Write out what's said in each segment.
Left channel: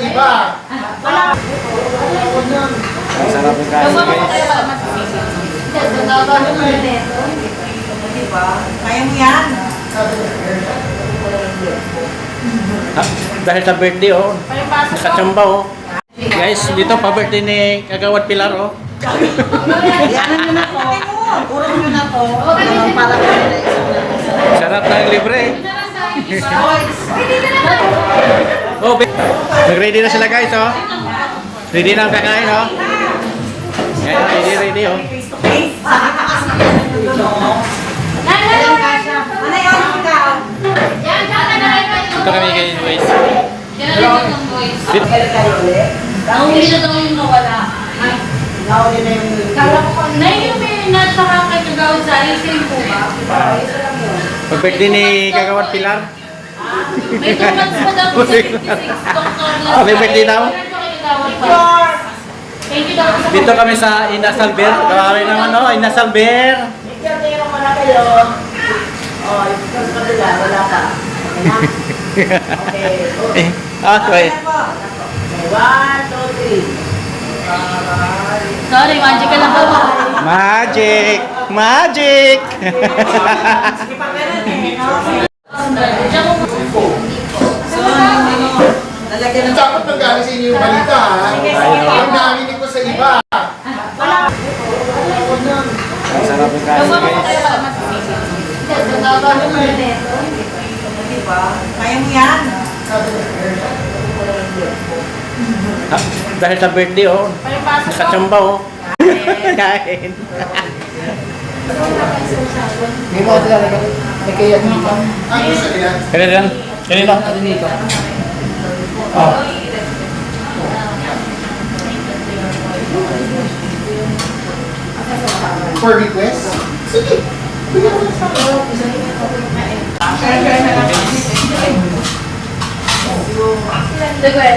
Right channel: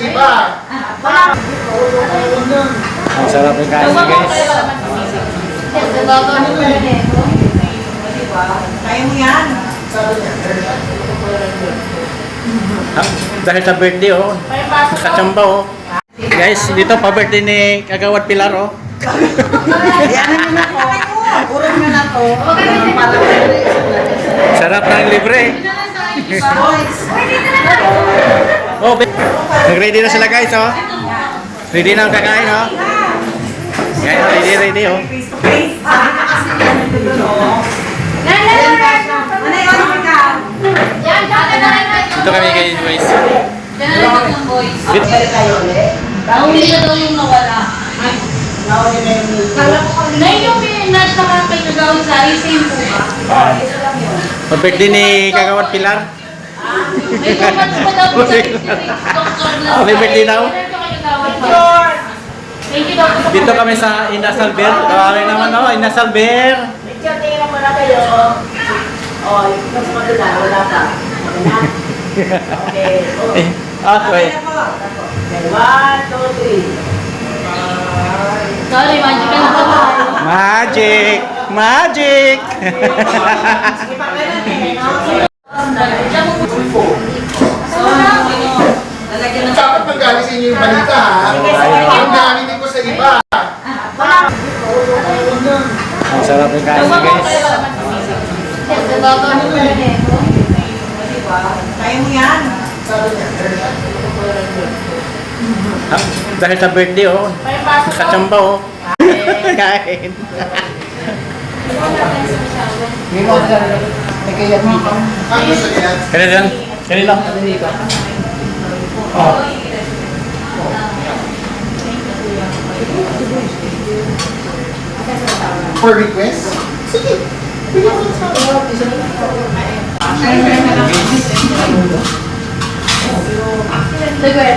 iba. Wala. Ang sarap ng ko guys. kaya pala magsisisi. Nagagawa mo na rin. Kaya mo yan. Ah, dahil sa birthday oh, nakachamba oh. Guys, dito pa birthday ni Kagawad Pilar oh. Yan na. Para Sarap ng libre. Oh, be- Nag-ready na sila guys, oh. Ready na ang kakain, oh. Ngayon, oh, ready, ready, oh. Ito kami kayo, boys. Dito tayo ulit. Hindi siya daw yung nawala. Nawala na yung meat. Na yung minage na kakagawa sa isang po ba? Isa lang yun. Din ni Kagawad Pilar. Happy birthday daw. Dito kami sa Inasal Bear. Grabe naman oh, no, Inasal Bear. Nagkatira mo na kayo. Oh, ikaw pa rin wala ka. Okay. Okay. One, two, three. Sorry, magic na po. Magic! Magic! Magic! Dapat magaling sa inyo yung balita ha. Ang narinig ko sa iba. Ang sarap ng kasi Dawa ko kaya guys. mo. Kaya mo yan. Ah, dahil sa birthday oh, Parang pasok ko. nakachamba oh. Kain. Ang gusto niya. Kailan lang? Kailan lang? Oh. For request? Sige. Bigyan mo sa Sige.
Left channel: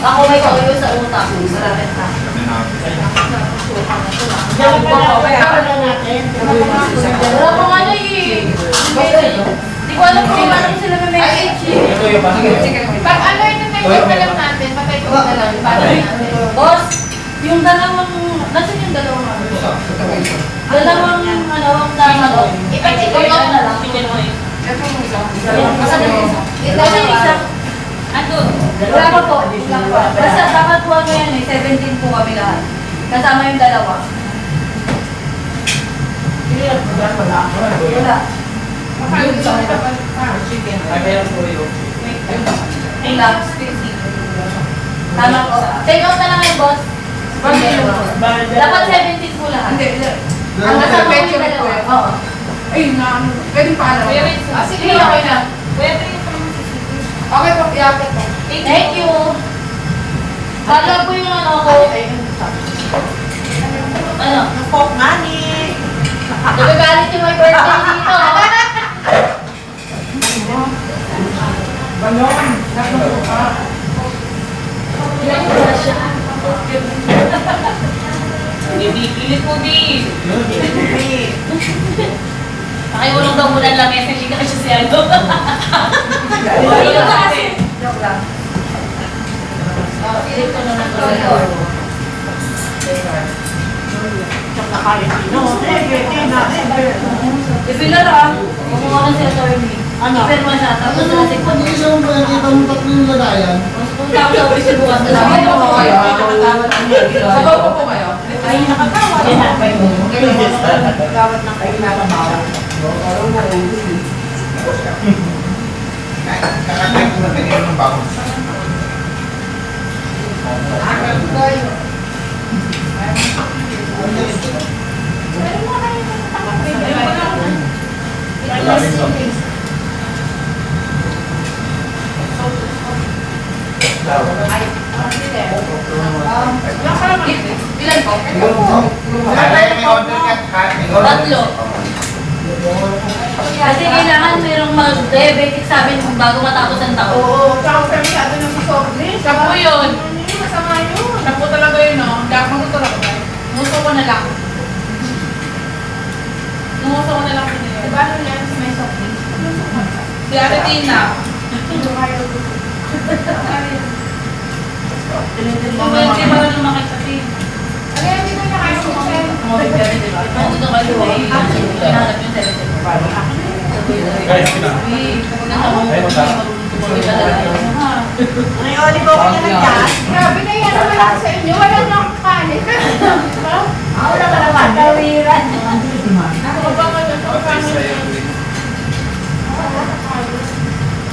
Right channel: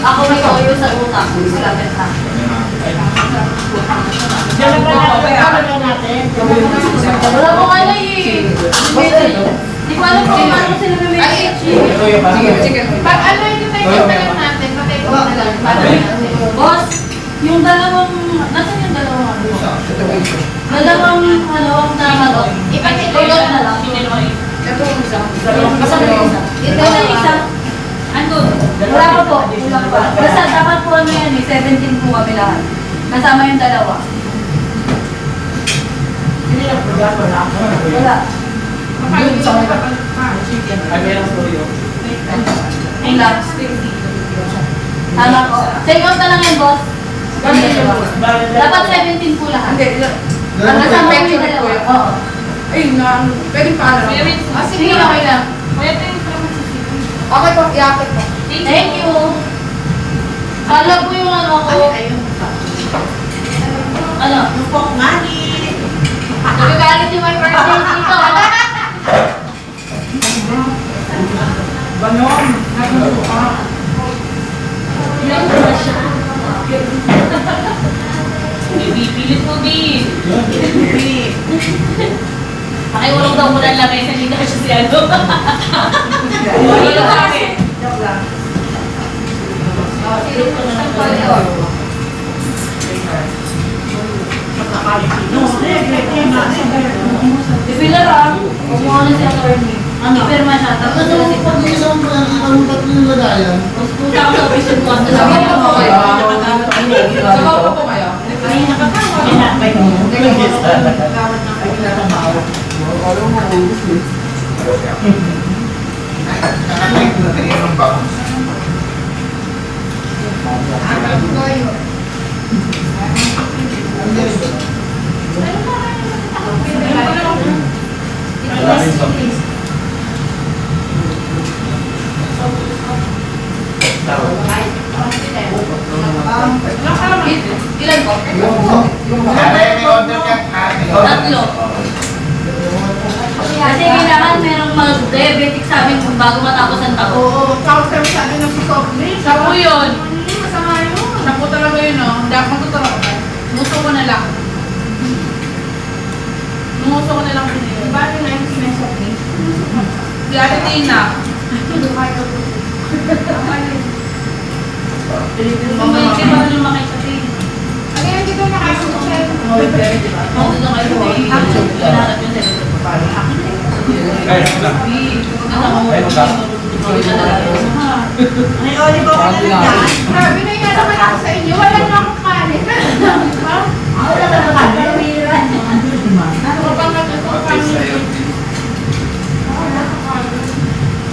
Ako may kawin ko sa utak. Salamat pa. Wala ko nga na eh. Hindi ko alam kung ano sila na message eh. Pag ano yung message na lang natin, pakiko na lang. Boss, yung dalawang, nasan yung dalawang ano? Dalawang dalawang tama to. Ipag-ipag na lang. Masama yung isa. Ito yung isa. Andun. Wala pa po. Wala pa. Basta dapat po ano yan eh, 17 po kami lahat. Kasama yung dalawa. Wala. Ay, labs. Tama po. Take out na lang yan, boss. Dapat 17 po lahat. Ang kasama yung dalawa. Oo. Ay, na, pwedeng paalam. Ah, sige, okay lang. Okay po, iapit po. Thank you. Wala po yung ano ko. Ano? Pop money. Nagagalit yung my birthday dito. Balon. Ilang na siya? Bibipilit po, Bi. Pakiulong daw muna lang eh, hindi naman siya si Aldo. Wala kasi. Joke lang. Silip ko na lang to. No, eh, eh, na, eh. Bibilar ah. Kumuha na sila attorney. Ano? Ipirma siya. Tapos Ano, sila si pag nakita mo tatlo yung lagayan, Mas punta ako sa office yung buwan. Sabi Sabi po ko kayo. Nakatawad ang mga Sabaw po po kayo. Ay, nakatawad. Nakatawad ng kayo nakatawad. kakakain ko na kanina ng bakit. Ilan po? Kaya order niya, Tatlo. Kasi kailangan merong mag-diabetic sa amin kung bago matapos ang taon. Oo, tapos kami sabi ng soft drinks. Siya po yun. Hindi, masama yun. Naku talaga yun, no? Hindi ako magtuturo ako. Gusto ko na lang. Gusto ko na lang kanina. Diba yung life si soft drinks? Si Ate Tina, Mamaya mo. Ano. Ano doon kayo? Hinahanap yung Ay, olive oil na lang yan. Grabe na yan ako sa inyo. Wala na akong kanin. Wala ka naman. Kawiran. Ano ka ba ka doon sa kanin?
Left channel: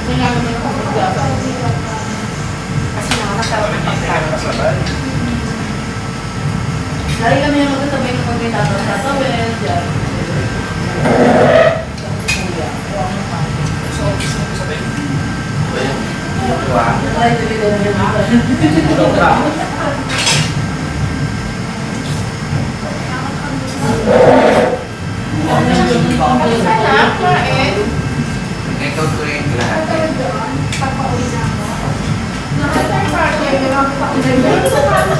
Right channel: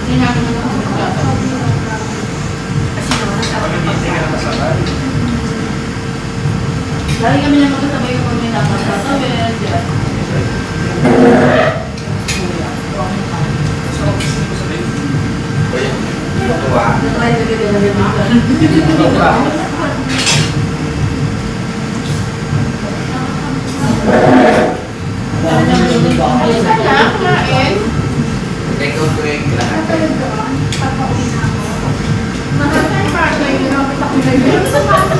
Hindi namin yung Kasi naman, nasarap yung pagkain. Lagi kami na magkasabay kapag may tapos sa towel, dyan. Try to get over dito. Sarap, kain.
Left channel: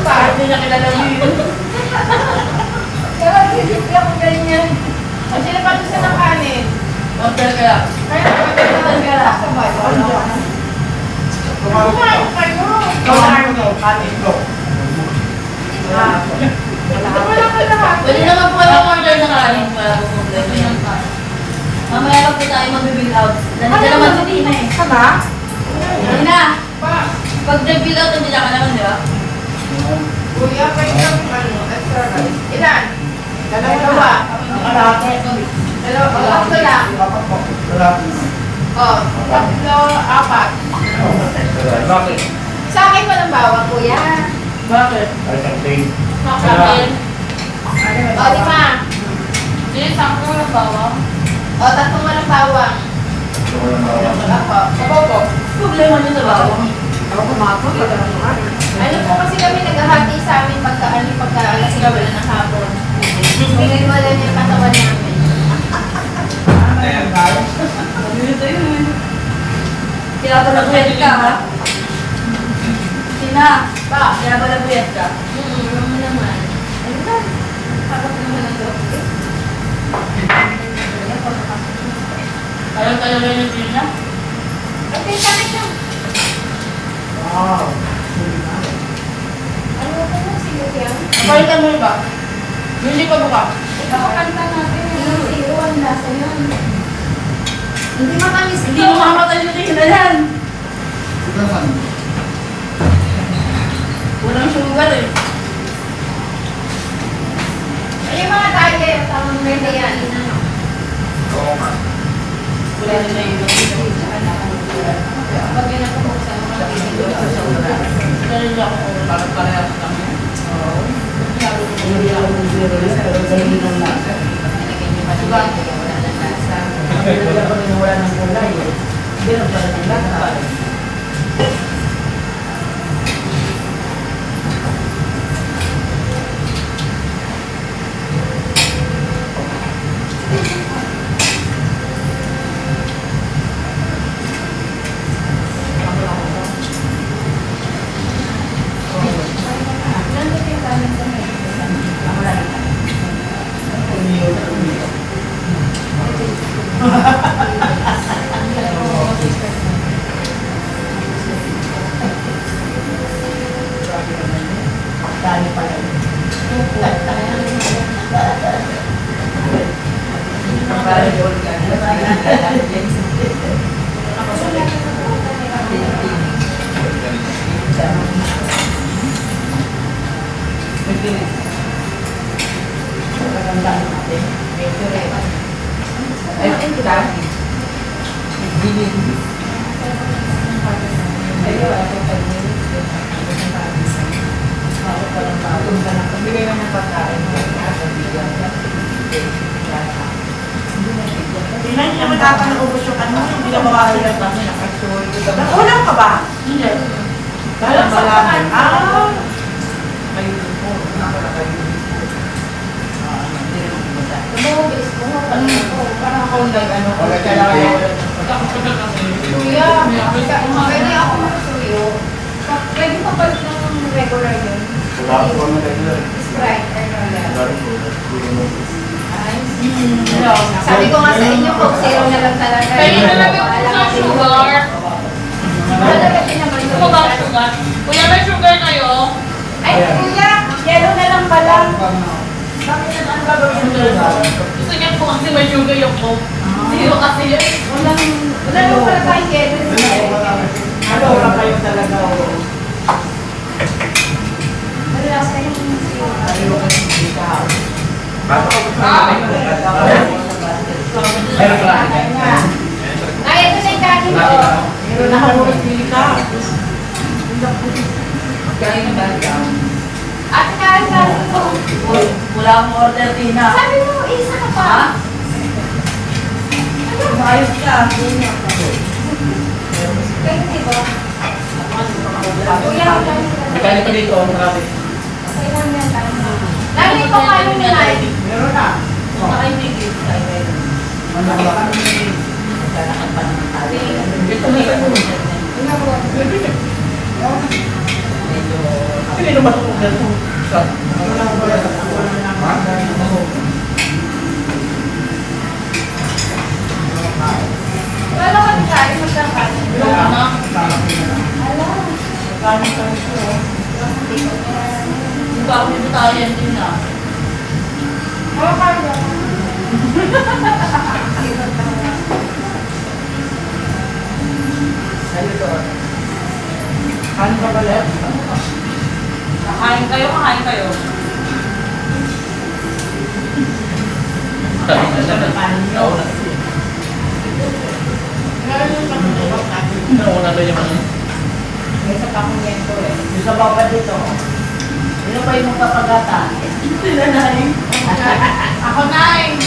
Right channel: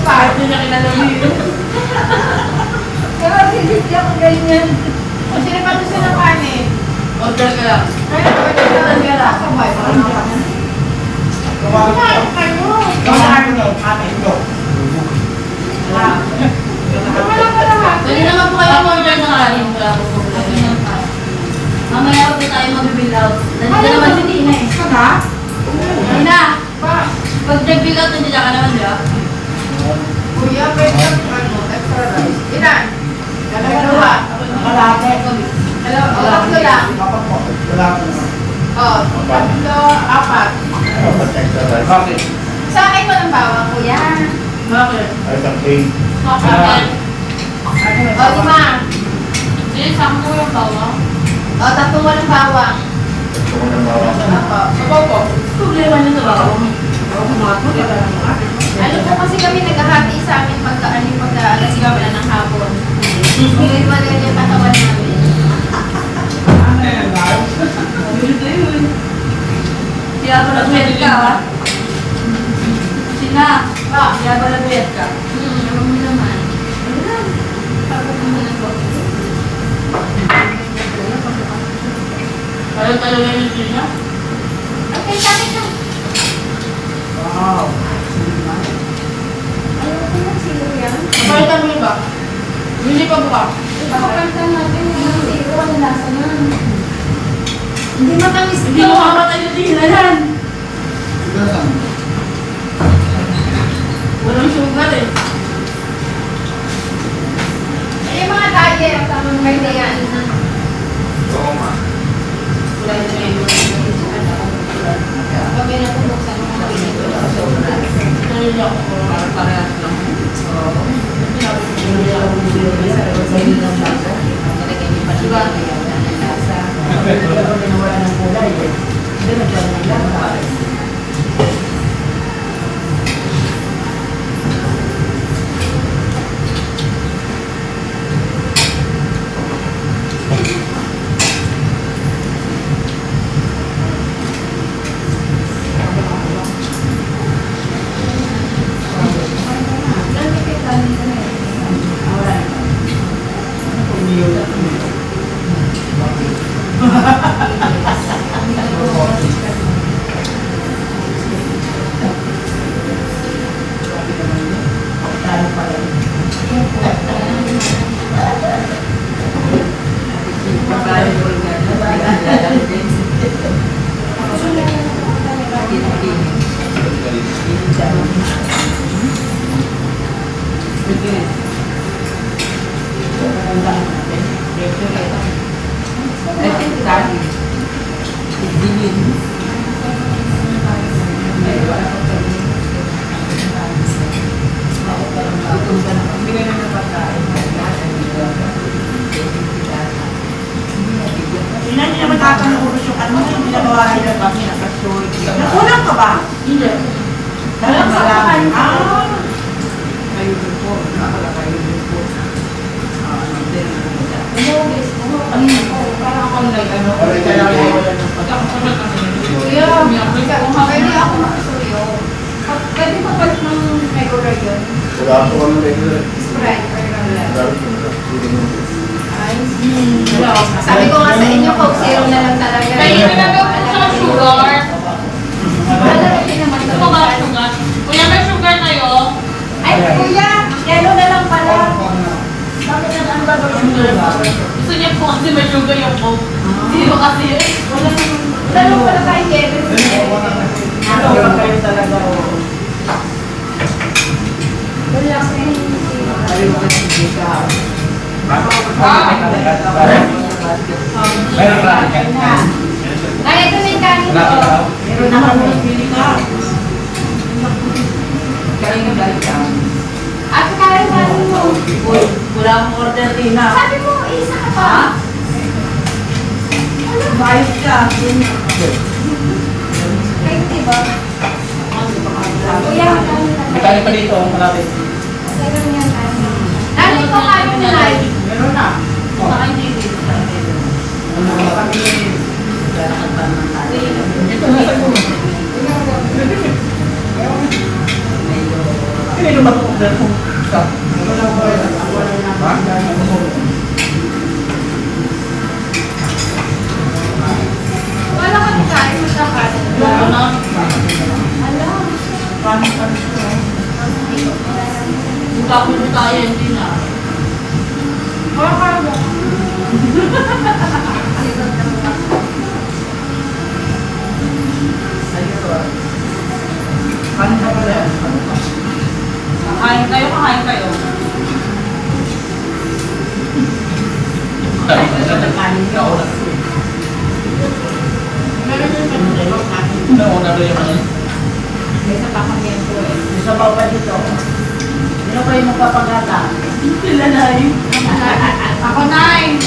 Kahit nila kilala mo yun. Sarap, hindi ako ganyan. O, sino pa gusto ng kanin? Order ka lang. Ay, pwede ka lang sabay. Kumain kayo. Kumain ko kanin ko. Wala ka lahat. Pwede naman po kayo order ng kanin. Mamaya po tayo mag-bill out. Nandito naman si Tina eh. Sana? Tina, Pa. pag nag-bill out, nandito ka naman, di ba? Kuya, pwede yung ano, extra rice. Ilan? Dalawa. Malapit. Dalawa. Tatlo lang. Wala naman. O, tatlo, apat. Bakit? Sa akin walang bawang, kuya. Bakit? Ay, samping. Bakit? O, lima. Hindi, saan ko yung bawang? O, tatlong walang bawang. Sabaw po. Problema nyo sa bawang. Ano po kasi kami naghahati sa amin pagka, ano, pagka alas 11 na ng hapon. Hindi ko rin yung katawan namin. Kaya ba nag-wet ka, ha? Tina, Pa. kaya ba nag-wet ka? Hmm, ano naman. Ano lang? Tawag naman ang coffee. Ayaw talaga ni Tina? Okay, sa akin lang. Wow. Ano ko na siguro yan? Palitan mo iba. Hindi pa buka. Ipapakalitan natin yung ang lasa niyan. Hindi matamis Hindi mo mamatay si Tina yan. Ikaw saan? Walang sugar eh. Ay, yung mga diet, tamang kaya yan. Oo nga. Wala din na iba. Pag yan natubuksan, mga pinito sa sobra. Dahil ako, parang parehas lang. Oo. Hindi ako bumili na sa rosary ng lasa. Diba? Wala nang kulay. Hindi na pala ng lasa. Wala tayong yellow. Ano ba kayo talaga? Relax na yun. Ayaw ko kasi kita. Meron ka? Ay na. Ito na yung dami ko. Meron pili ka. Kaya yung dahil ka. Wala akong order din na. Sabi mo, isa ka pa. Maayos ka. Kayo, diba? Kuya, Itali pa dito, marami. Kailan yan tayo? Lalo ito kano na live. Meron na. Saka hindi. Ano ba kami? Ito na sa'yo. Hindi naman ito kung dito. Wala Buka ko nito tayo yan din ah. Wala ka mo. Ano ka pala? Kain kayo, kakain kayo. Nauna. Meron eh. Isa pa dito. Sino pa yung magpapagata? Sila na eh. Ako na eh.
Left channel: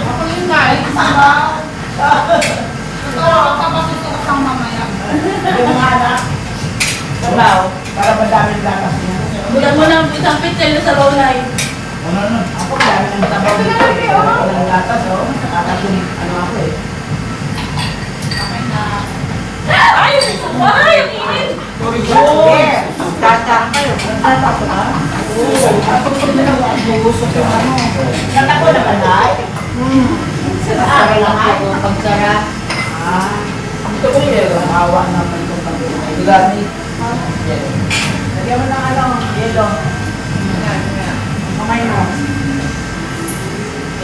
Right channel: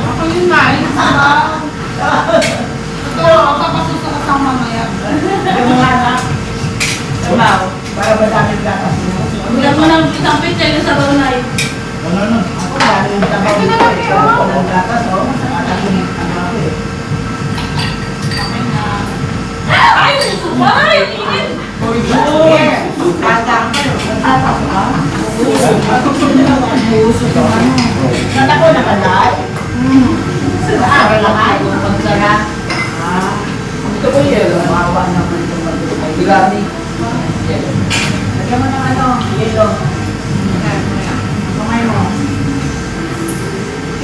Ako yung nine. Totoo, kapasusukas ang mamaya. Yung mga anak. Sabaw. Para madaming gatas niya. Bulan mo ng isang pitel sa bawnay. Ano na? Ako daming sabaw. Ito na lang yun. Ako ng gatas, oh. Nakakasin ano ako eh. Okay na. Ay, ay, init. Yeah. Tandaan kayo. Gatas, ha? Ako hindi na ako buuso ko ano. Kata ko na kanay. Hmm. Sara lang ako pagsara. Ah. Ito ko yun. Maawa naman itong magbuhay. Bigani. Lagyan mo ng ano, yellow. Kamay mo. Sino ba napasok?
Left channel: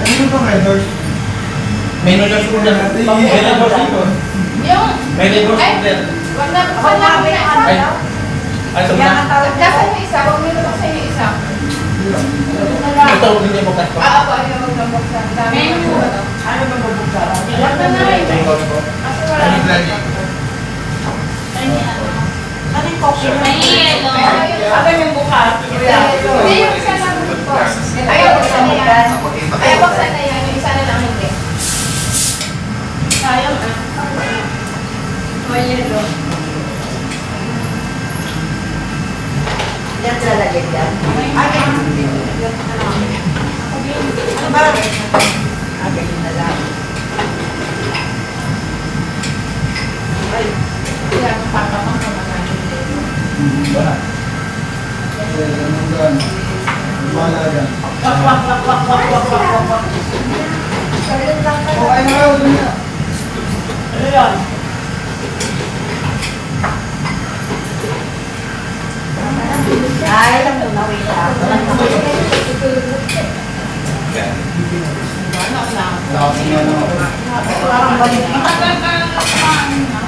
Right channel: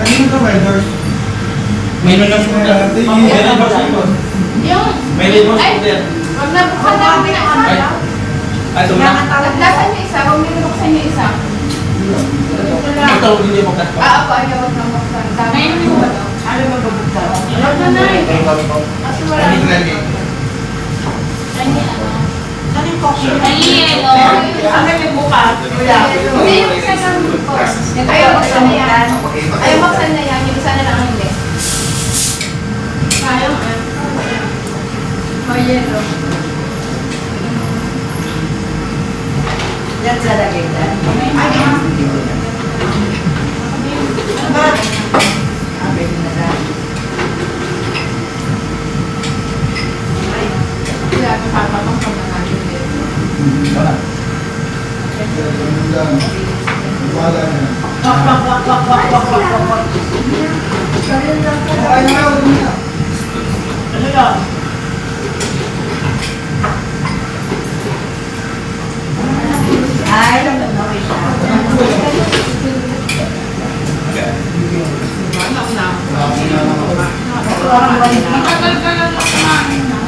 Kanino ka, vendors? May nunyo sugar. May labor dito. Yung, May labor sugar. wag na buksan na ako na isa. Ay. Ay, ito na. Nagdasan yung isa, huwag ito buksan yung isa. Ito, hindi mo kasto. Ah, ako, ayaw, huwag na buksan. Dami ko. Ano ba bubuksan? Wag na na eh. Thank God. Wala. Kanino Grammy? May. Ano? Kuya. Hindi, yung isa na box. Ayaw, buksan na yan. Ayaw, yan. Yung isa lang hindi. May yelo. Yan sa lalagay yan. Sabi ko na lang. Wala ka pa, papang sa mga yelo. Wala. Yan. Wala yan. O, ano na, ano na? Ano yan? Ay, nawin na. Lagi na lang ako. Parang balik. Tagal-tagal na kumain na.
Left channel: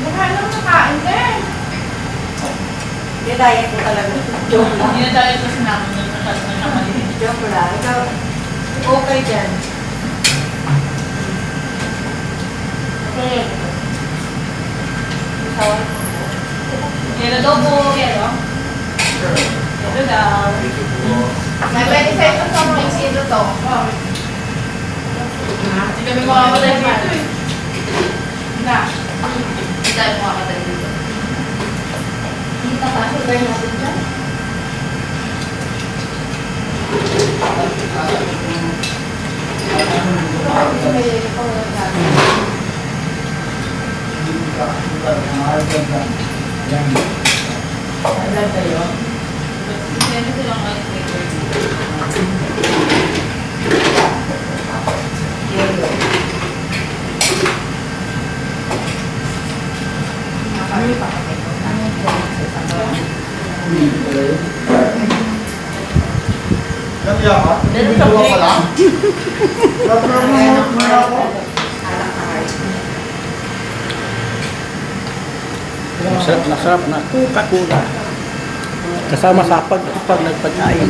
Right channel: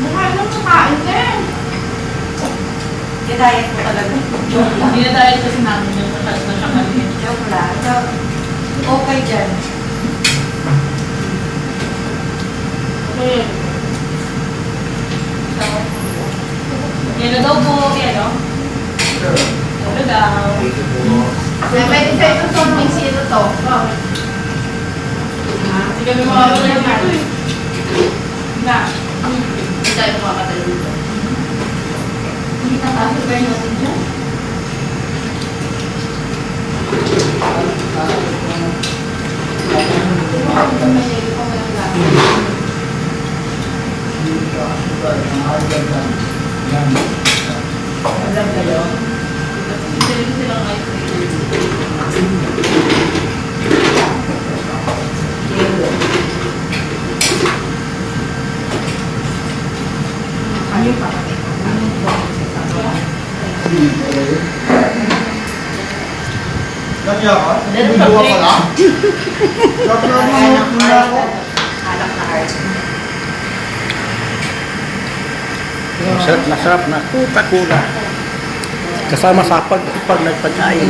Mukha lang sa kain din. Hindi diet mo talaga. Joke lang. Hindi na dahil kasi namin doon. Joke lang. Ikaw, okay dyan. Kaya, Yelo daw po, yelo. Yelo daw. May pwede sa ito sa mix ito to. Hindi kami makakatay dito eh. Na. Hindi tayo makakatay dito. Hindi na tayo, girl natin dyan. May yelo pa, may lahat. Hindi ka, sugar, mga hard lang. Yan. Ilan kayo? Hindi silang ice maker. Kanya ka? Video ka pala? Tatrabaho muna ako. Masarap na sarap na Coca-Cola. Kasama sa pag, pag nagpagkain.